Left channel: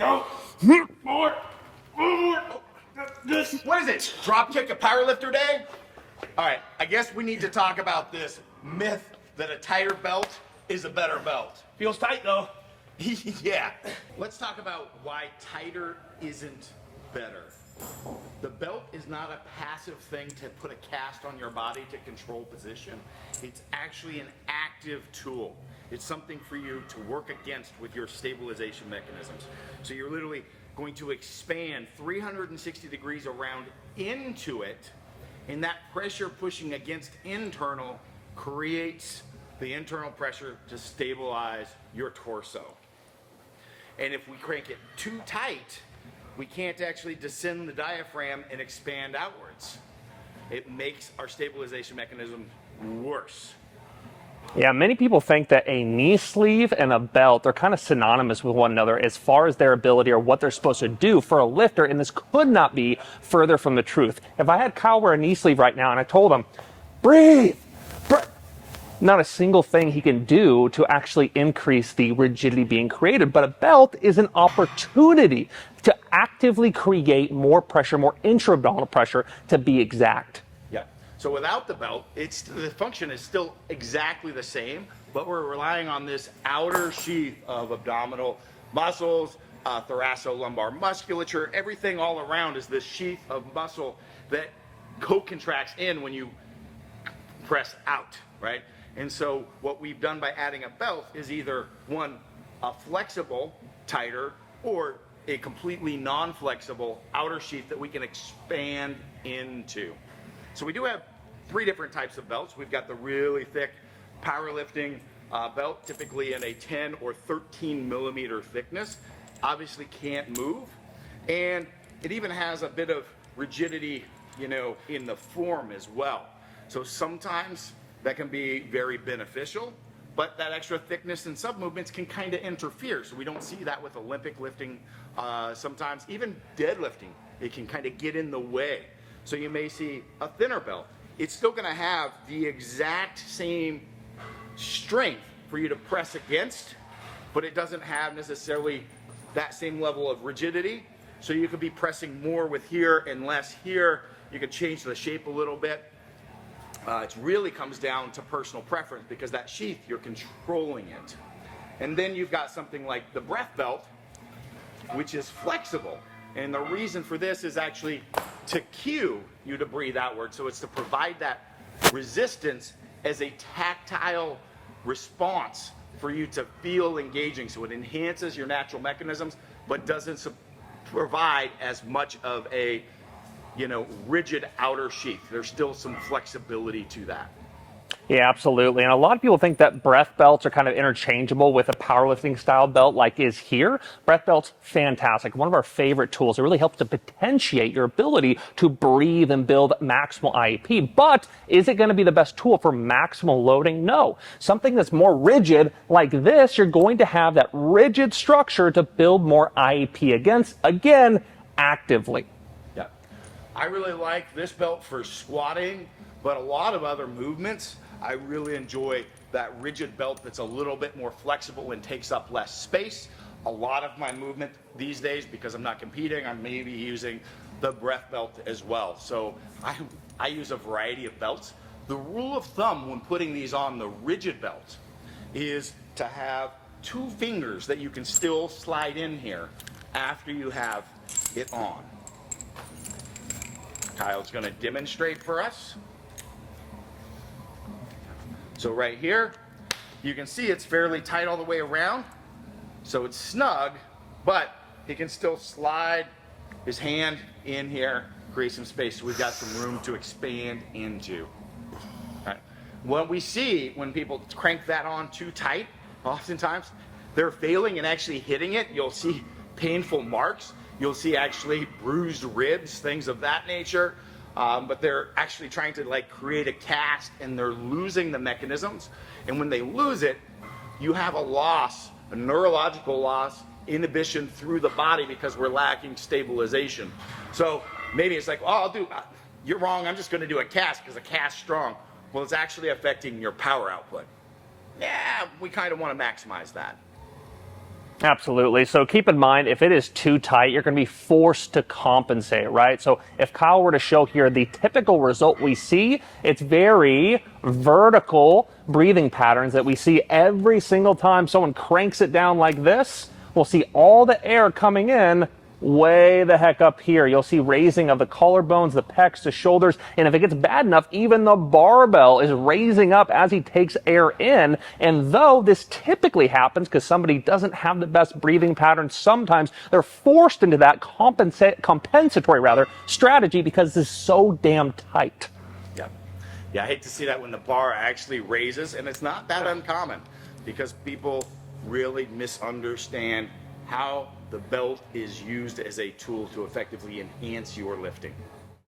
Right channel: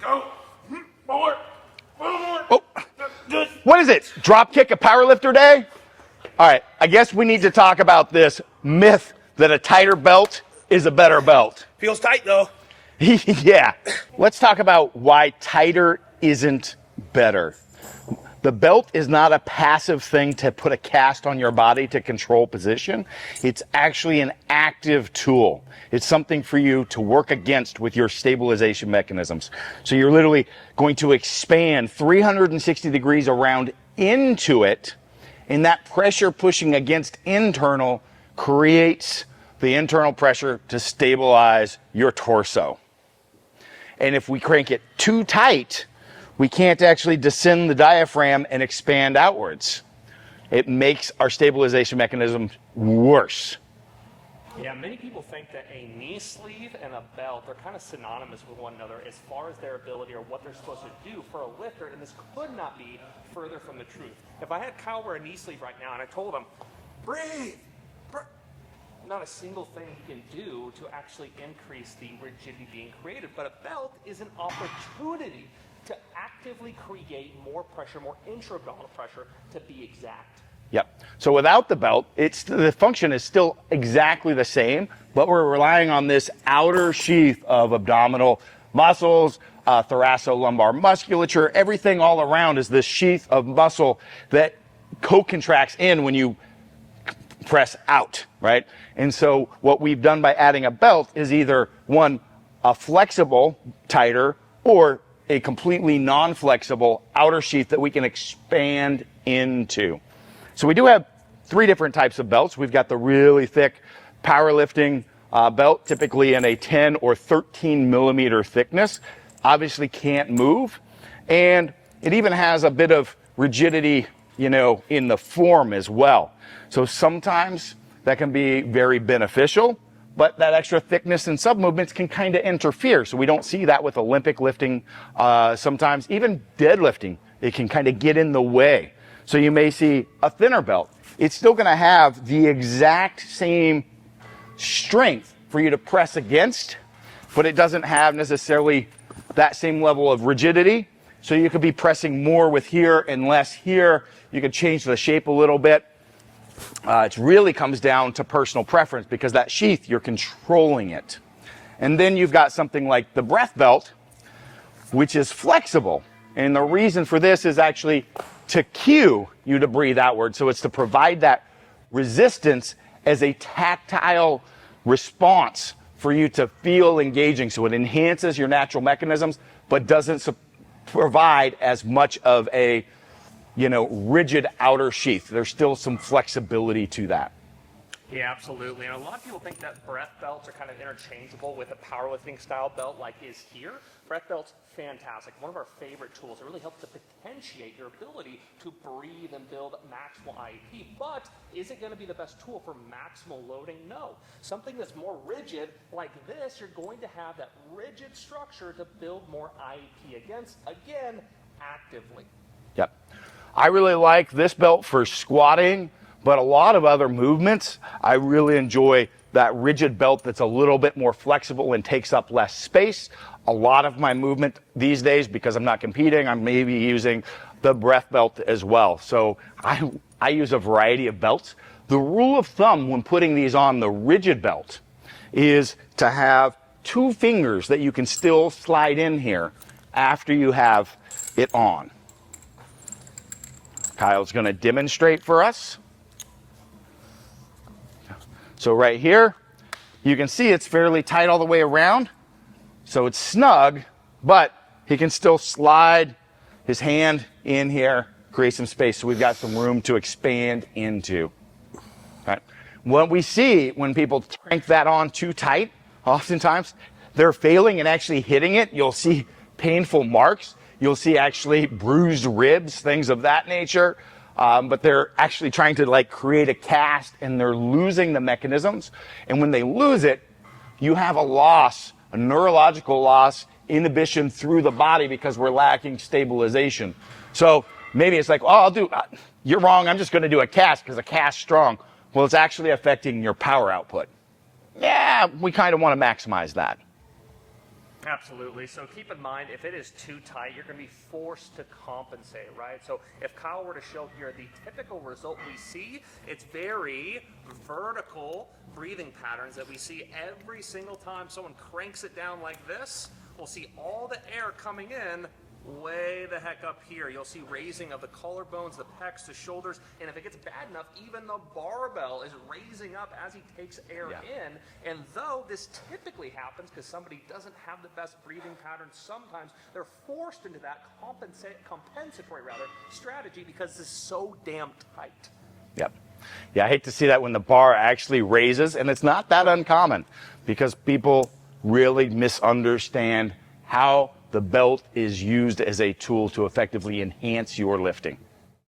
Go. More. Oh. What is it? Drop kick a powerlifter day? All right, I guess we need to talk about this myth that a tighter belt is a better belt. Feels tight though. Yeah. Let's talk about why tighter isn't better. The belt is not a passive thing to put a cast on your body to control position. It's actually an active tool. It's something for you to work against with your stabilization mechanisms. So you're literally going to expand 360 degrees around into it, and that pressure pushing against internal creates the internal pressure to stabilize your torso. And if we crank it too tight, we can't actually descend the diaphragm and expand outwards. It makes our stabilization mechanism worse. Yeah, many people think that a knee sleeve and a belt are kind of synonymous with one another as far as their ability or what they're supposed to do for a lifter, and this could not be further from the truth. If I had Kyle wear a knee sleeve right now and I told him, breathe, not a single thing he can do to actually increase the rigidity being created. But a belt is an opportunity to actively create more pressure, more intra-abdominal pressure, to be exact. Yep. So without the belt, the function is still exactly the same, but we're relying on this outer sheath of abdominal muscles, thoracolumbar musculature, everything all around is this sheath of muscle that co-contracts in when you press out, right? And so what we've done by adding a belt is either one, a flexible, tighter, or a completely non-flexible outer sheath that we can expand into. So we do have 3 different types of belts. We've got the really thick powerlifting belt, typically in a 10 or 13 millimeter thickness. Obviously can't move. And it even has a bit of rigidity, in the form as well. So sometimes that can be very beneficial, but that extra thickness and sub-movements can kind of interfere. So we don't see that with Olympic lifting. Sometimes even deadlifting, it can kind of get in the way. So you may see a thinner belt. It's still going to have the exact same strength for you to press against, but it doesn't have necessarily that same level of rigidity. So you could be pressing more with here and less here. You could change the shape a little bit. It really comes down to personal preference because that sheath, you're controlling it. And then you've got something like the breath belt, which is flexible. And the reason for this is actually to cue you to breathe outward. So it's to provide that resistance as a tactile response for you to feel engaging. So it enhances your natural mechanisms, but doesn't provide as much of a rigid outer sheath. There's still some flexibility to that. Yeah, absolutely. And a lot of people think that breath belts are kind of interchangeable with a powerlifting style belt like is here. Breath belts, fantastic. One of our favorite tools. It really helps to potentiate your ability to breathe and build maximal IEP. But is it going to be the best tool for maximal loading? No. Something that's more rigid like this, you're going to have that rigid structure to build more IEP against, again, actively. Yep. I really like this belt for squatting, but a lot of other movements, I really enjoy that rigid belt that's a little bit more flexible and takes up less space. A lot of my movement these days, because I'm not competing, I'm maybe using the breath belt as well. So I use a variety of belts. The rule of thumb when putting these on the rigid belt is to have 2 fingers that you can still slide in here after you have it on. Kyle's going to demonstrate for us. So right here, you can see it's fairly tight all the way around. So it's snug, but he can still slide his hand in here, create some space. So we've got some room to expand into. All right. What we see when people crank that on too tight, oftentimes they're failing and actually hitting it. You'll see painful marks. You'll see actually bruised ribs, things of that nature. But they're actually trying to create a cast and they're losing the mechanisms. And when they lose it, you have a loss, a neurological loss, inhibition through the body because we're lacking stabilization. So maybe it's like, you're wrong, I'm just going to do a cast because a cast's strong. Well, it's actually affecting your power output. Yeah, we kind of want to maximize that. Absolutely. So keep in mind, if it is too tight, you're going to be forced to compensate, right? So if Kyle were to show here the typical result we see, it's very vertical breathing patterns that we see every single time someone cranks it down like this. We'll see all the air coming in way the heck up here. You'll see raising of the collarbones, the pecs, the shoulders, and if it gets bad enough, even the barbell is raising up as he takes air in. And though this typically happens because somebody doesn't have the best breathing pattern, sometimes they're forced into that compensatory strategy because this is so damn tight. Yep. Yeah, I hate to see that when the bar actually raises, and it's not that uncommon because people really misunderstand how the belt is used as a tool to effectively enhance your lifting.